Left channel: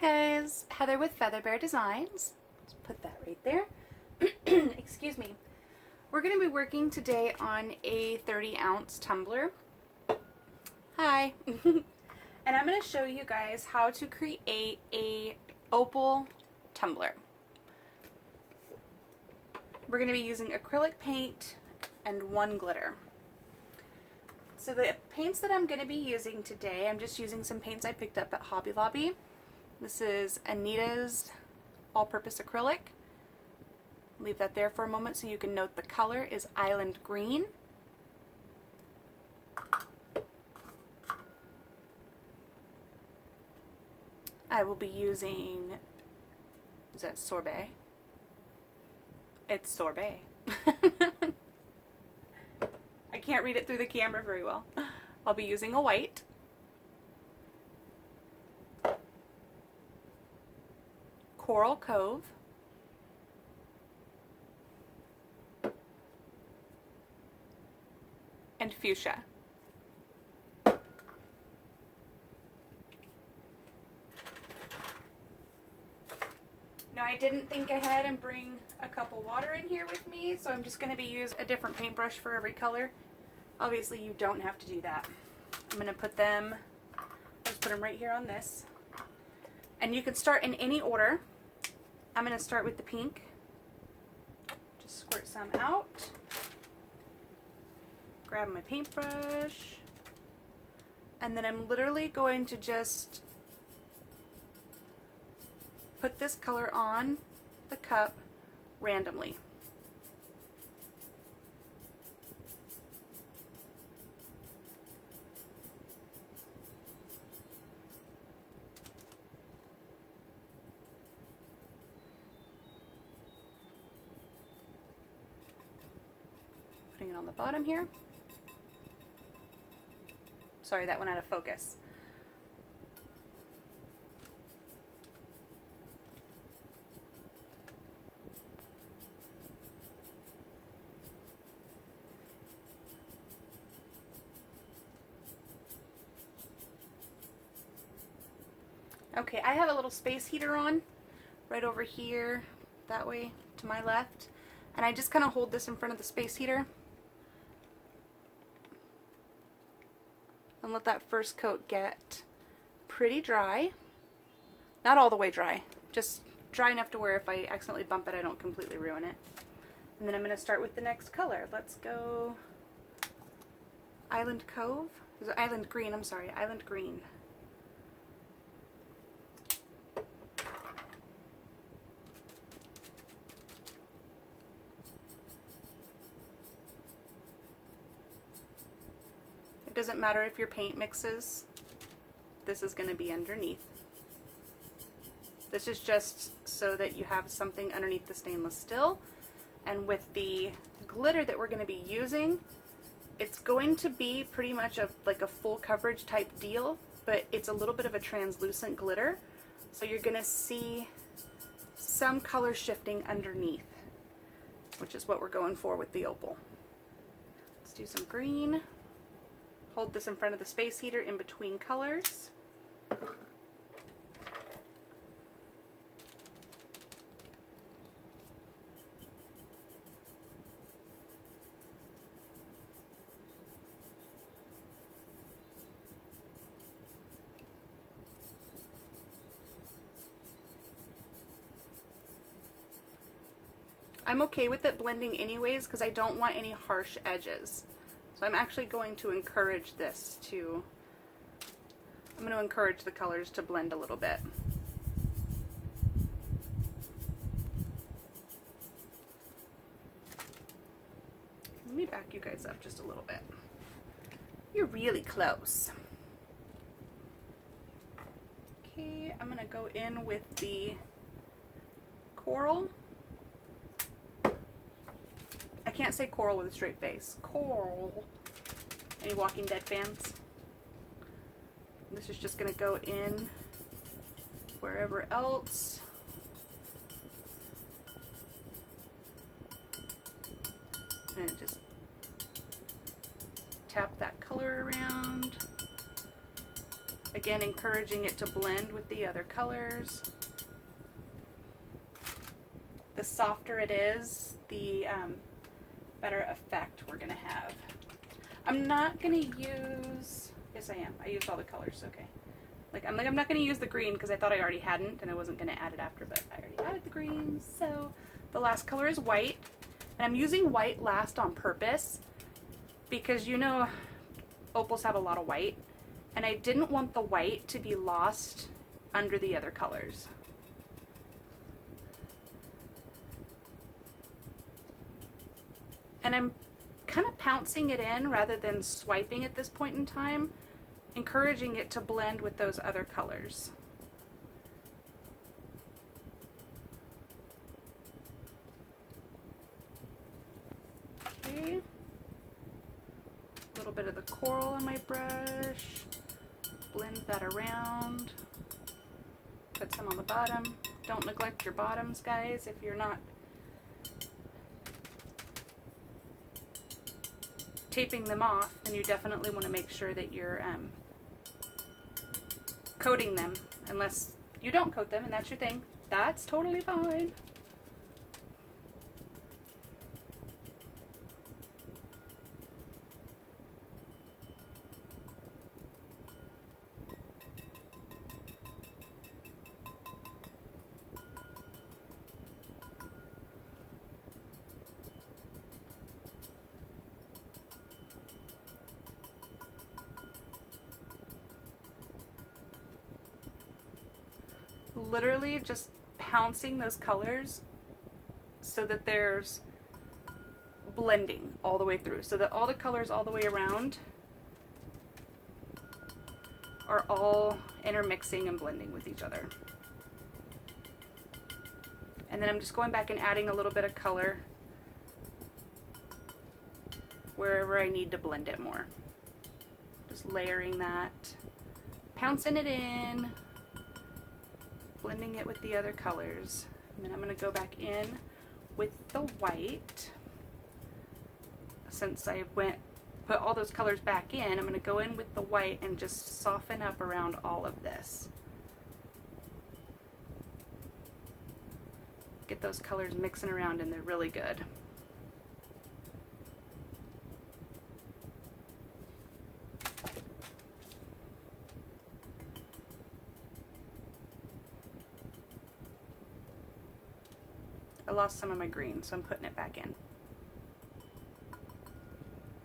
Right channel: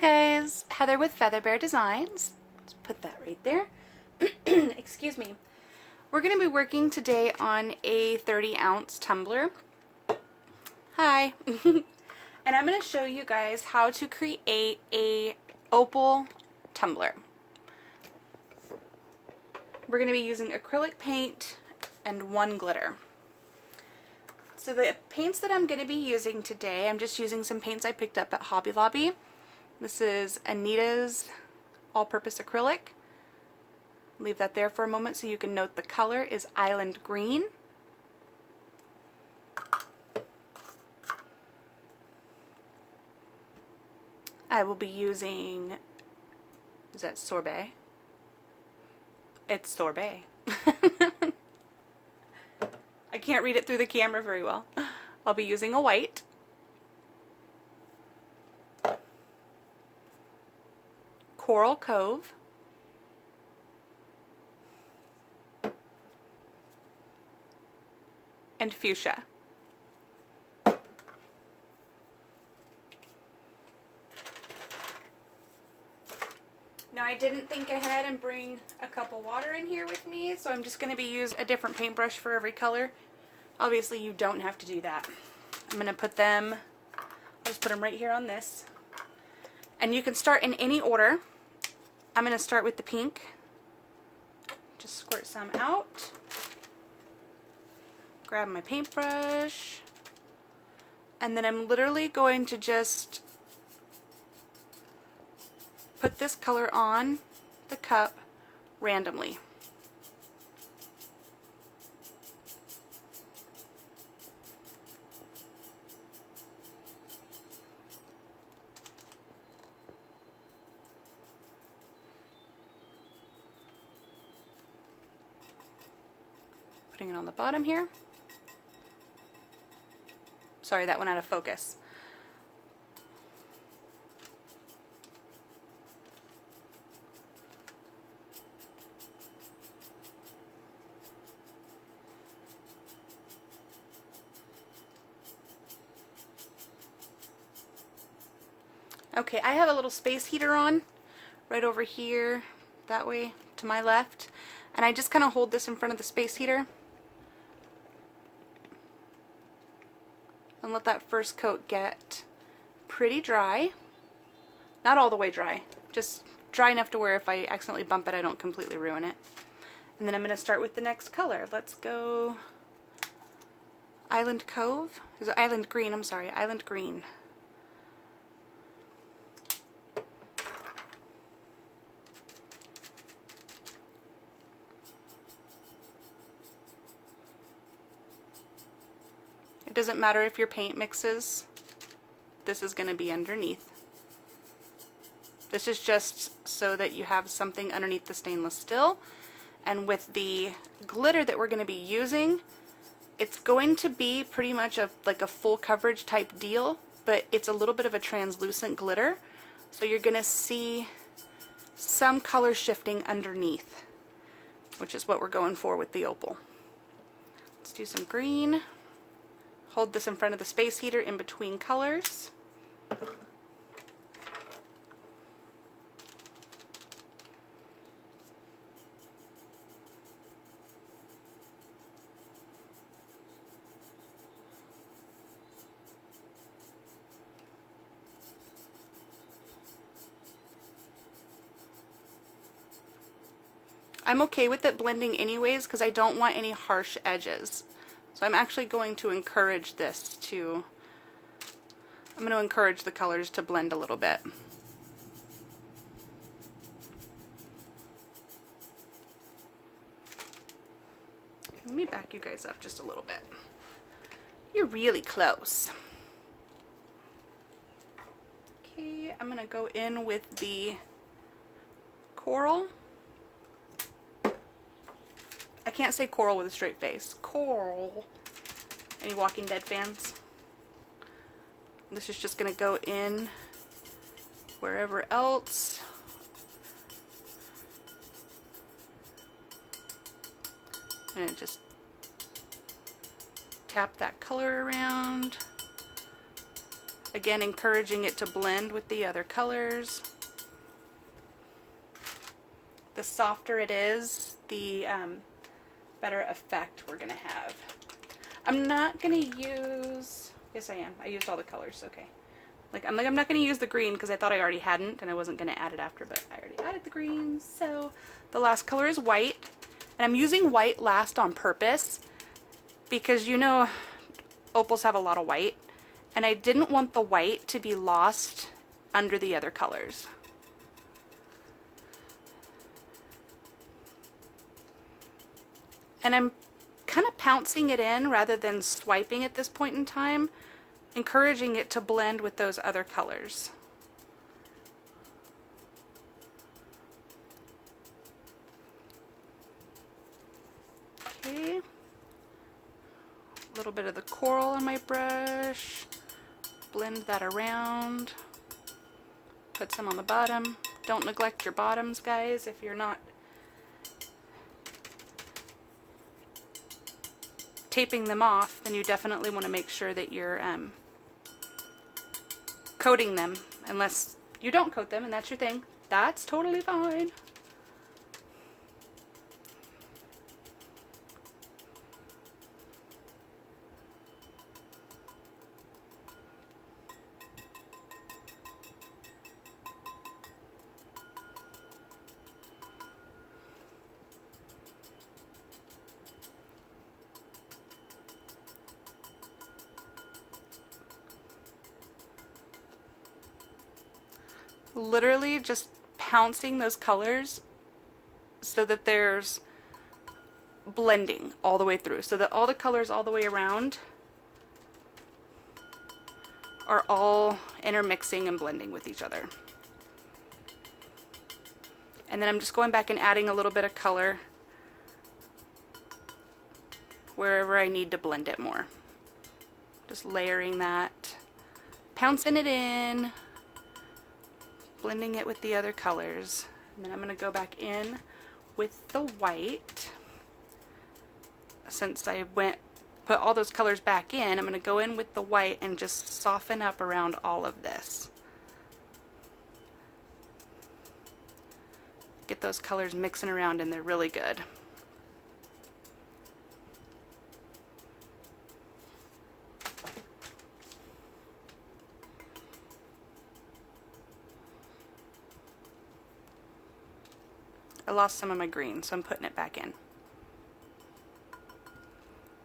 Hi guys, Heather with FeatherBear Designs. Let's put that right there. Excuse me. We're going to be working today on a 30-ounce tumbler. Hi. And I'm going to show you guys how to create a opal tumbler. We're going to be using acrylic paint and one glitter. So the paints that I'm going to be using today, I'm just using some paints I picked up at Hobby Lobby. This is Anita's all-purpose acrylic. Leave that there for a moment so you can note the color is Island Green. I will be using, is that sorbet? It's sorbet. I can't read it through the camera very well. I'll be using a white. Coral Cove. And fuchsia. Now I didn't think ahead and bring a cup of water in here with me, so I'm just going to be using a different paintbrush for every color. Obviously you don't have to do that. I'm going to put them, I'll just put them right here on this. And you can start in any order. I'm going to start with the pink. Just squirt some out. Grab my paintbrush. And then I'm literally going to just put this color on the cup randomly. Putting it on the bottom here. Sorry, that went out of focus. Okay, I have a little space heater on right over here, that way to my left, and I just kind of hold this in front of the space heater and let that first coat get pretty dry. Not all the way dry, just dry enough to where if I accidentally bump it, I don't completely ruin it. And then I'm going to start with the next color. Let's go Island Cove. Is it Island Green? I'm sorry, Island Green. It doesn't matter if your paint mixes, this is going to be underneath. This is just so that you have something underneath the stainless steel. And with the glitter that we're going to be using, it's going to be pretty much like a full coverage type deal, but it's a little bit of a translucent glitter. So you're going to see some color shifting underneath, which is what we're going for with the opal. Let's do some green. Hold this in front of the space heater in between colors. I'm okay with it blending anyways because I don't want any harsh edges. So I'm actually going to encourage this to, I'm going to encourage the colors to blend a little bit. Let me back you guys up just a little bit. You're really close. Okay, I'm going to go in with the coral. I can't say coral with a straight face. Coral. Any Walking Dead fans? This is just going to go in wherever else. And just tap that color around. Again, encouraging it to blend with the other colors. The softer it is, the better effect we're gonna have. I'm not gonna use, yes I am, I used all the colors, okay. I'm not gonna use the green because I thought I already hadn't and I wasn't gonna add it after, but I already added the green. So the last color is white, and I'm using white last on purpose because you know opals have a lot of white, and I didn't want the white to be lost under the other colors. And I'm kind of pouncing it in rather than swiping at this point in time, encouraging it to blend with those other colors. Okay, a little bit of the coral on my brush, blend that around, put some on the bottom. Don't neglect your bottoms, guys. If you're not taping them off, then you definitely want to make sure that you're coating them, unless you don't coat them and that's your thing. That's totally fine. Literally just pouncing those colors so that there's blending all the way through, so that all the colors all the way around are all intermixing and blending with each other. And then I'm just going back and adding a little bit of color wherever I need to blend it more. Just layering that, pouncing it in, blending it with the other colors. And then I'm going to go back in with the white. Since I put all those colors back in, I'm going to go in with the white and just soften up around all of this. Get those colors mixing around and they're really good. I lost some of my green, so I'm putting it back in.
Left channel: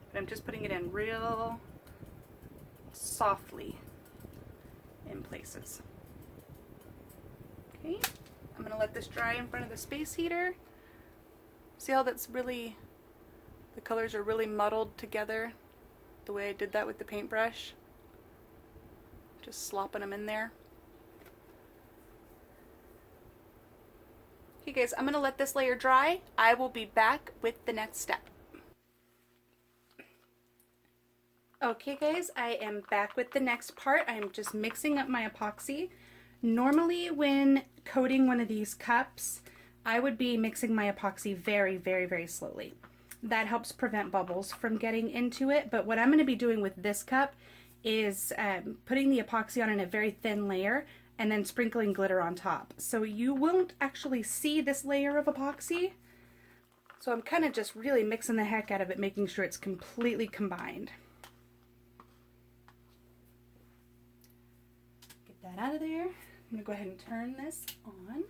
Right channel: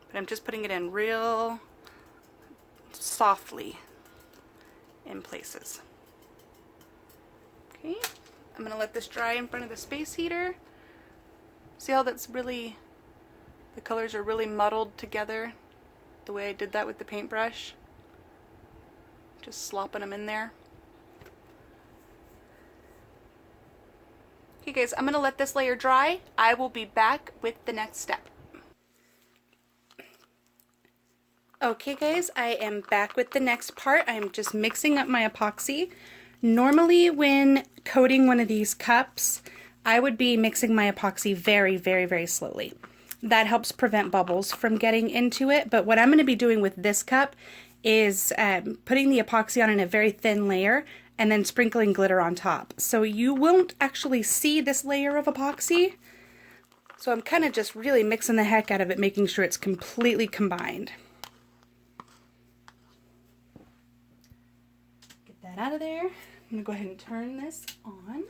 But I'm just putting it in real softly in places. Okay, I'm gonna let this dry in front of the space heater. See how that's really, the colors are really muddled together the way I did that with the paintbrush? Just slopping them in there. Okay guys, I'm going to let this layer dry. I will be back with the next step. Okay guys, I am back with the next part. I'm just mixing up my epoxy. Normally when coating one of these cups, I would be mixing my epoxy very, very, very slowly. That helps prevent bubbles from getting into it, but what I'm going to be doing with this cup is putting the epoxy on in a very thin layer and then sprinkling glitter on top. So you won't actually see this layer of epoxy. So I'm kind of just really mixing the heck out of it, making sure it's completely combined. Get that out of there. I'm gonna go ahead and turn this on.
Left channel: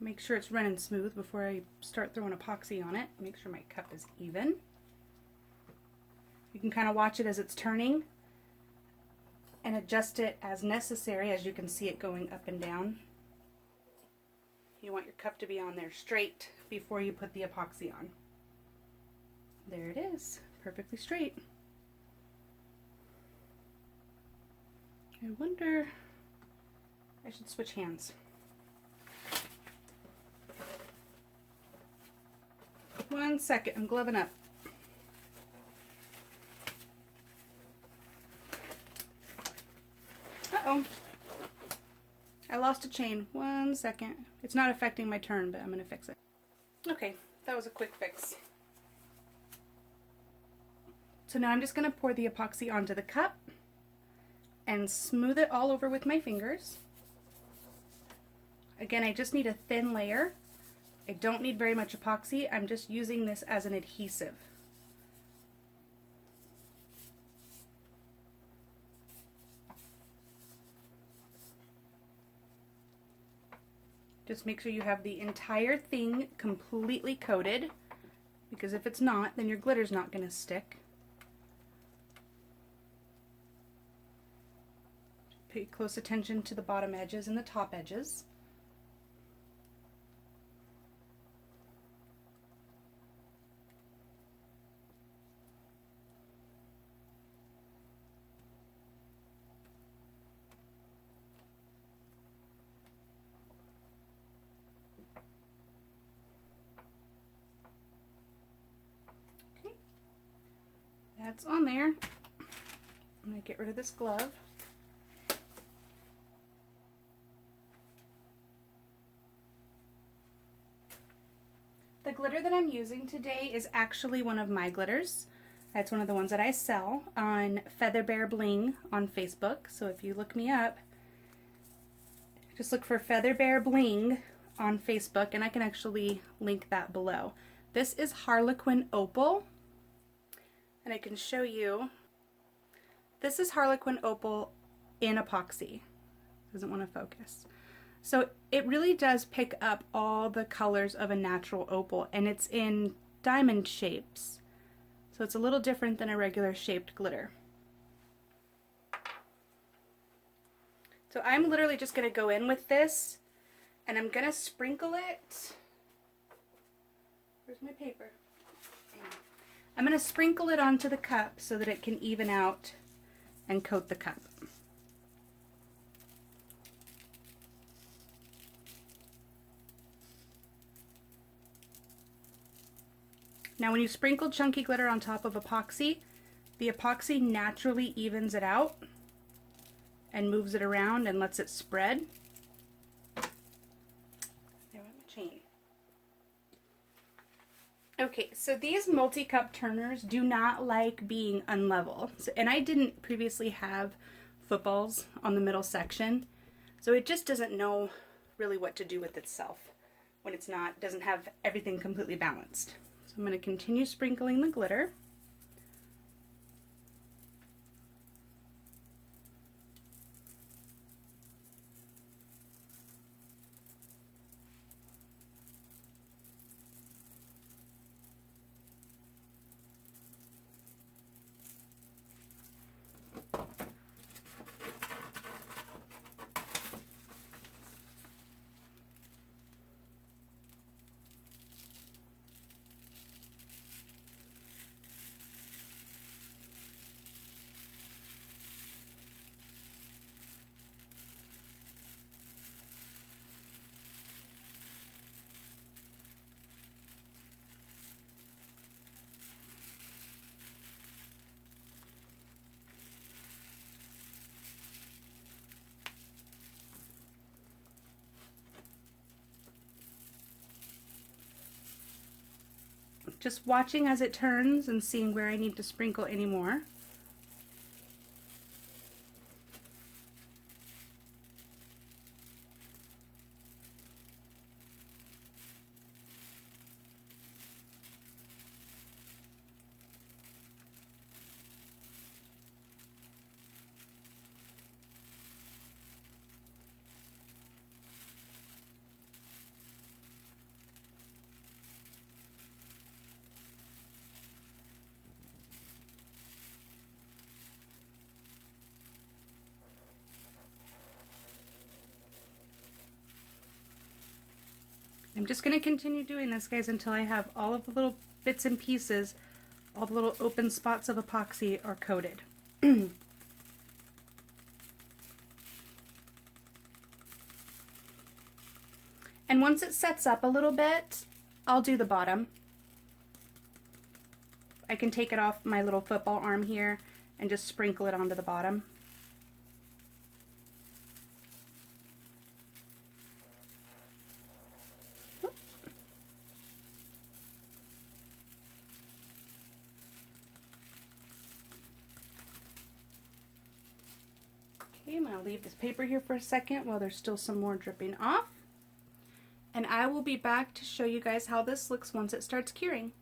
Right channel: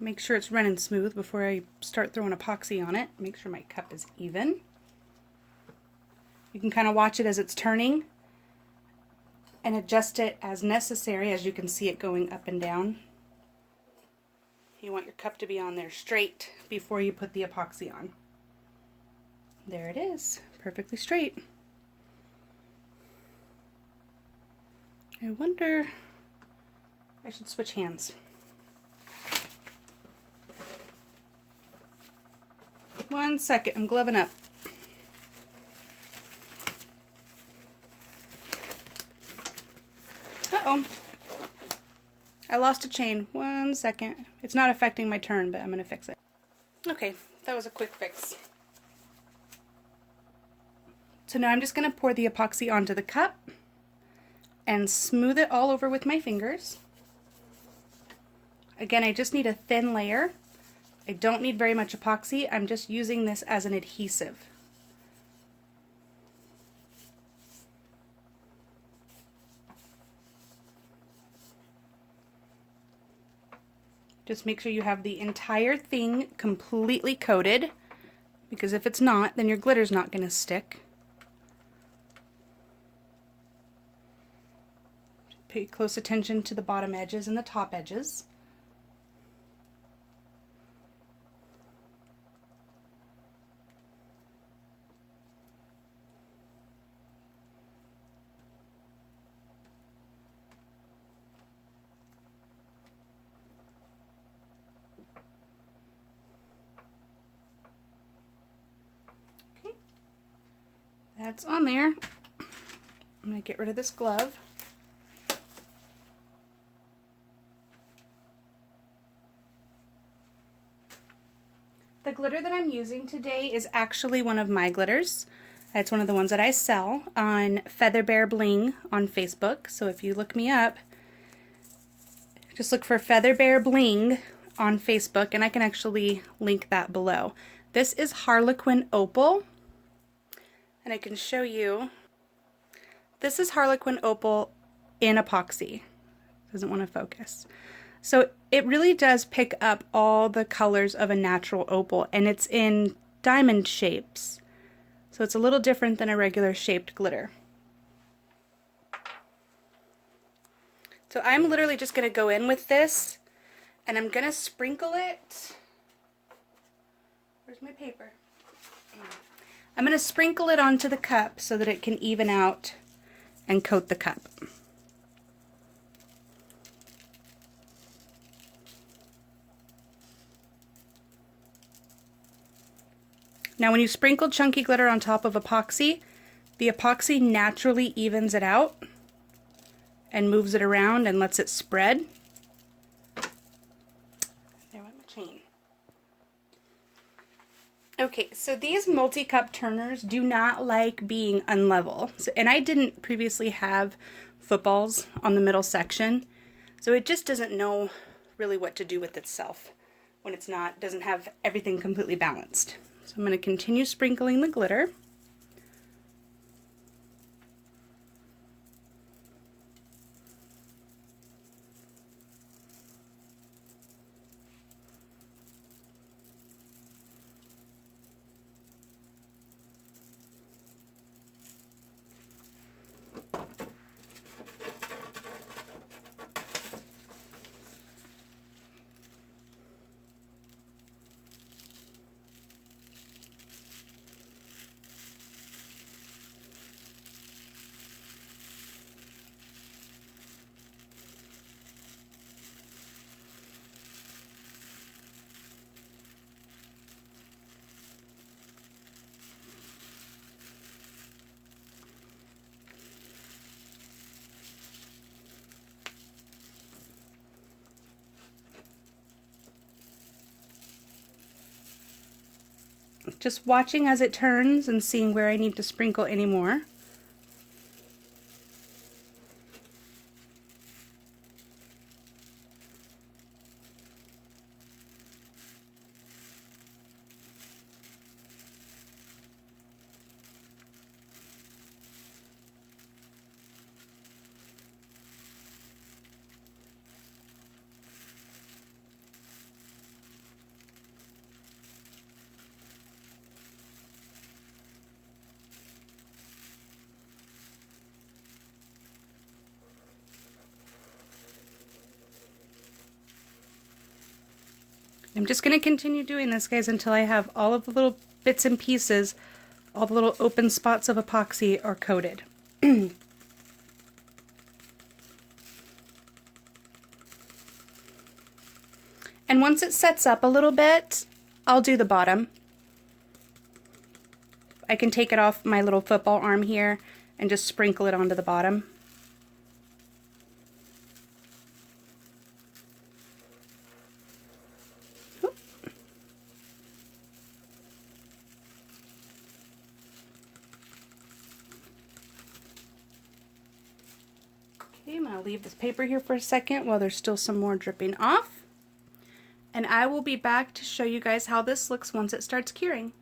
Make sure it's running smooth before I start throwing epoxy on it. Make sure my cup is even. You can kind of watch it as it's turning and adjust it as necessary, as you can see it going up and down. You want your cup to be on there straight before you put the epoxy on. There it is, perfectly straight. I wonder, I should switch hands. One second, I'm gloving up. Uh-oh. I lost a chain. 1 second. It's not affecting my turn, but I'm going to fix it. Okay, that was a quick fix. So now I'm just going to pour the epoxy onto the cup and smooth it all over with my fingers. Again, I just need a thin layer. I don't need very much epoxy. I'm just using this as an adhesive. Just make sure you have the entire thing completely coated, because if it's not, then your glitter's not going to stick. Pay close attention to the bottom edges and the top edges. Okay, that's on there. I'm going to get rid of this glove. The glitter that I'm using today is actually one of my glitters. It's one of the ones that I sell on FeatherBear Bling on Facebook. So if you look me up, just look for FeatherBear Bling on Facebook, and I can actually link that below. This is Harlequin Opal, and I can show you. This is Harlequin Opal in epoxy. Doesn't want to focus. So it really does pick up all the colors of a natural opal, and it's in diamond shapes. So it's a little different than a regular shaped glitter. So I'm literally just going to go in with this, and I'm going to sprinkle it. Where's my paper? I'm going to sprinkle it onto the cup so that it can even out and coat the cup. Now when you sprinkle chunky glitter on top of epoxy, the epoxy naturally evens it out and moves it around and lets it spread. There went my chain. Okay, so these multi-cup turners do not like being unlevel. And I didn't previously have footballs on the middle section, so it just doesn't know really what to do with itself when it's not, doesn't have everything completely balanced. So I'm going to continue sprinkling the glitter. Just watching as it turns and seeing where I need to sprinkle any more. I'm just going to continue doing this, guys, until I have all of the little bits and pieces, all the little open spots of epoxy are coated. And once it sets up a little bit, I'll do the bottom. I can take it off my little football arm here and just sprinkle it onto the bottom. to leave this paper here for a second while there's still some more dripping off. And I will be back to show you guys how this looks once it starts curing.